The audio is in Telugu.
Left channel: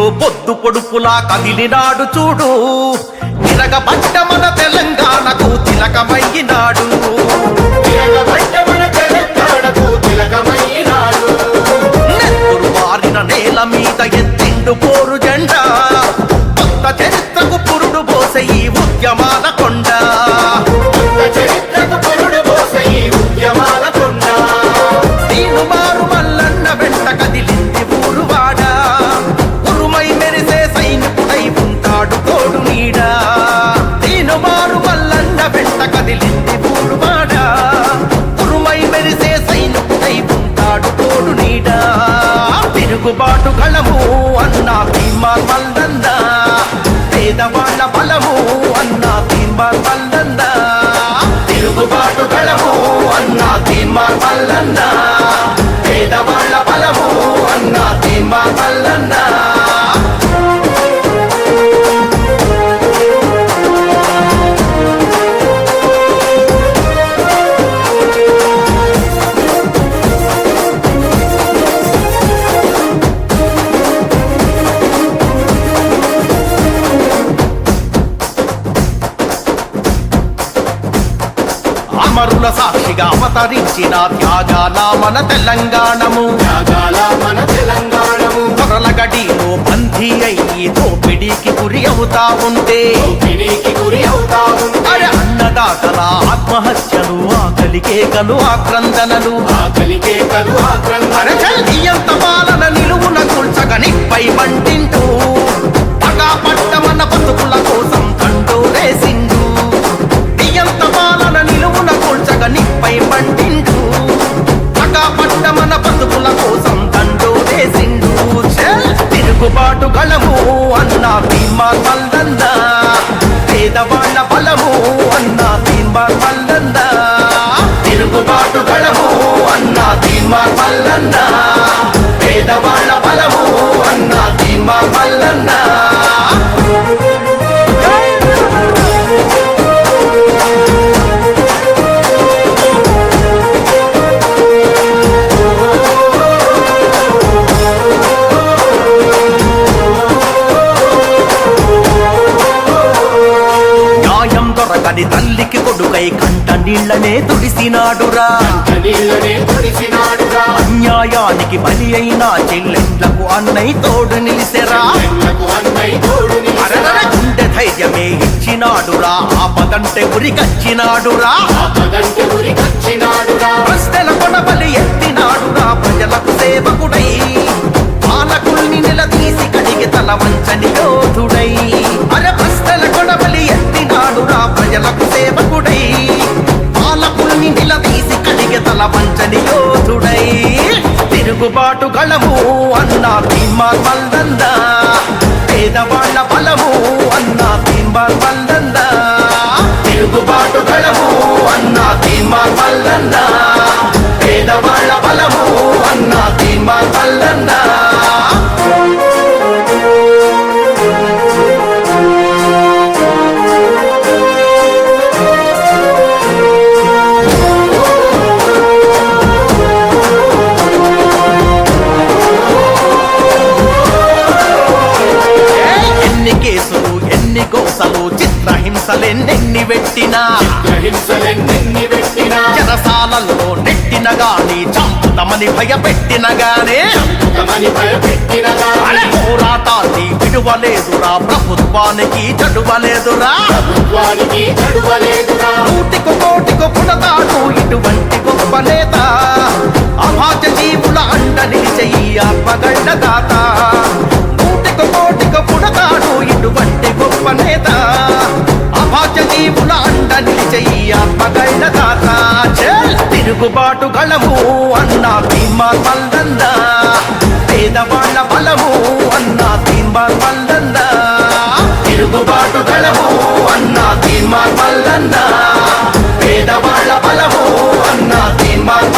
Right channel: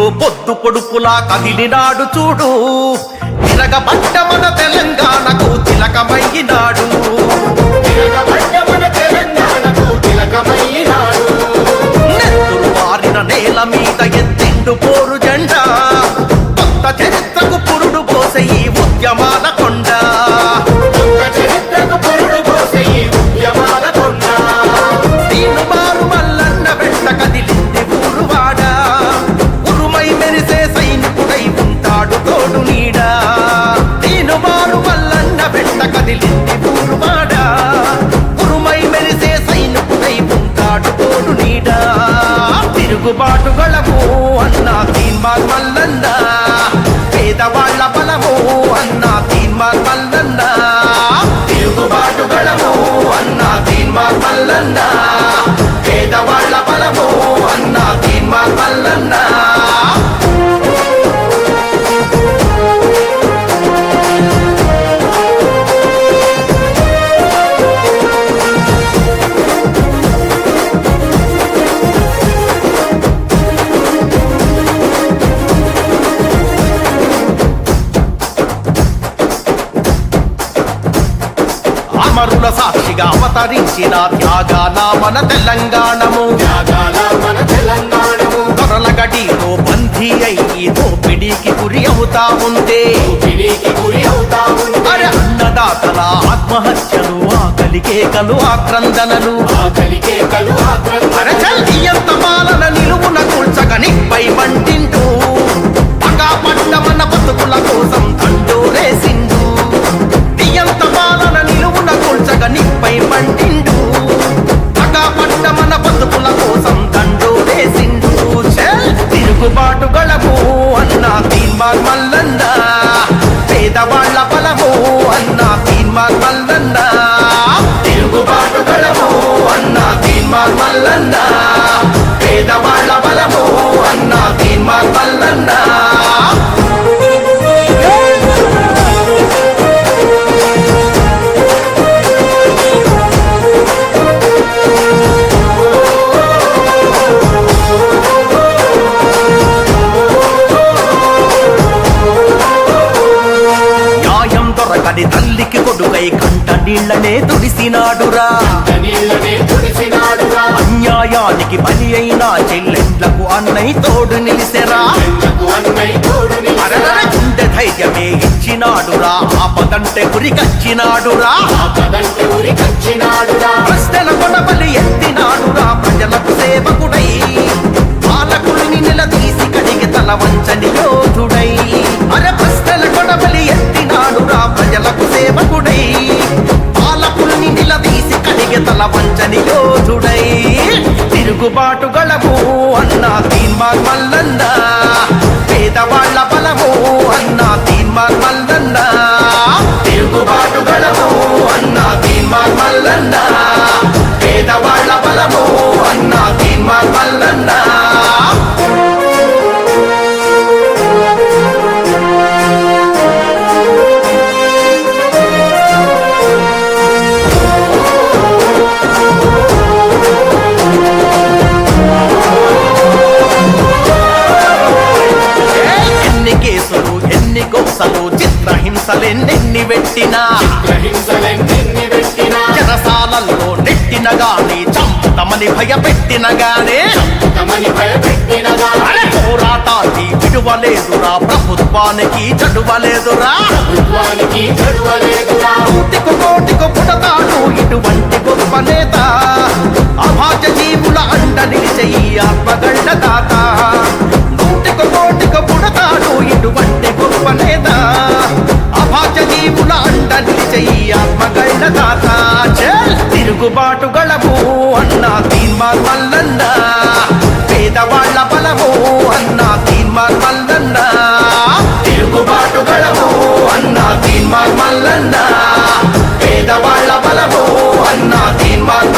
ఢిల్లీలో పొద్దు పొడుపులా కదిలినాడు చూడు, తిరగబడ్డ మన తెలంగాణకు తిలకమయ్యినాడు. నెత్తురు వారిన నేల మీద ఎత్తిండు పోరు జెండా, కొత్త చరిత్రకు పురుడు పోసే ఈ ఉద్యమాల కొండ. దీను మారు మల్లన్న వెంట కదిలింది ఊరువాడ, ఉరుమై మెరిసే సైనికుడై ఉంటాడు తోడు నీడా. దీను మారు మల్లన్న వెంట కదిలింది ఊరువాడ, ఉరుమై మెరిసే సైనికుడై ఉంటాడు తోడు నీడా. తిరుగుబాటు గలము అన్నా తీన్మార్ మల్లన్న, పేదవాళ్ల బలము అన్నా తీన్మార్ మల్లన్న. తిరుగుబాటు గలము అన్నా తీన్మార్ మల్లన్న, పేదవాళ్ల బలము అన్నా తీన్మార్ మల్లన్న. అమరుల సాక్షిగా అవతరించిన త్యాగాల మన తెలంగాణము, దొరల గడిలో బందీ అయ్యి దోపిడీకి గురి అవుతా ఉంటే, అరే అన్నదాతల ఆత్మహత్యలు, ఆకలి కేకలు, ఆక్రందనలు, అరే చల్లియంత పాలన నిలువున కూల్చగ నిప్పై మంటింటూ, పగా పట్ట మన బతుకుల కోసం దండోరేసిండు. నియంత పాలన నిలువున కూల్చగ నిప్పై మంటిండు, పగా పట్ట మన బతుకుల కోసం దండోరేసిండు. తిరుగుబాటు గలము అన్నా తీన్మార్ మల్లన్న, పేదవాళ్ల బలము అన్నా తీన్మార్ మల్లన్న. తిరుగుబాటు గలము అన్నా తీన్మార్ మల్లన్న, పేదవాళ్ల బలము అన్నా తీన్మార్ మల్లన్న. దొరకని తల్లికి కొడుకై కంట నీళ్లనే తుడిసినాడురా, అన్యాయానికి బలి అయిన చెల్లెండ్లకు అన్నయ్య తోడు నిలిసెరా. అరరర గుండె ధైర్యమే ఇచ్చినాడురా, ఆపదంటే ఉరికచ్చినాడురా. ప్రశ్నల కొడబలి ఎత్తినాడురా, ప్రజలకు సేవకుడై పాలకుల్ని నిలదీసి కడిగి తల వంచని యోధుడై. అరే ప్రశ్నల కొడబలి ఎత్తినాడురా, ప్రజలకు సేవకుడై పాలకుల్ని నిలదీసి కడిగి తల వంచని యోధుడై. తిరుగుబాటు గలము అన్నా తీన్మార్ మల్లన్న, పేదవాళ్ల బలము అన్నా తీన్మార్ మల్లన్న. తిరుగుబాటు గలము అన్నా తీన్మార్ మల్లన్న, పేదవాళ్ల బలము అన్నా తీన్మార్ మల్లన్న. ఎన్ని కేసులు, ఎన్ని గోసలు, చిత్రహింసలెన్నెన్ని పెట్టినా, చెరసాలల్లో నెట్టిన గాని, చంపుతమని భయపెట్టిన గానే, అరే పోరాటాన్ని విడువలేదురా, ప్రభుత్వానికి చడువలేదురా. నూటికి కోటికి పుడతాడు ఇటువంటి గొప్ప నేత, అభాగ్య జీవుల అండ నిలిచే ఈ ఆత్మగళ్ళ దాత. నూటికి కోటికి పుడతాడు ఇటువంటి గొప్ప నేత, అభాగ్య జీవుల అండ నిలిచే ఈ ఆత్మగళ్ళ దాత. తిరుగుబాటు గలము అన్నా తీన్మార్ మల్లన్న, పేదవాళ్ల బలము అన్నా తీన్మార్ మల్లన్న. తిరుగుబాటు గలము అన్నా తీన్మార్ మల్లన్న, పేదవాళ్ల బలము అన్నా తీన్మార్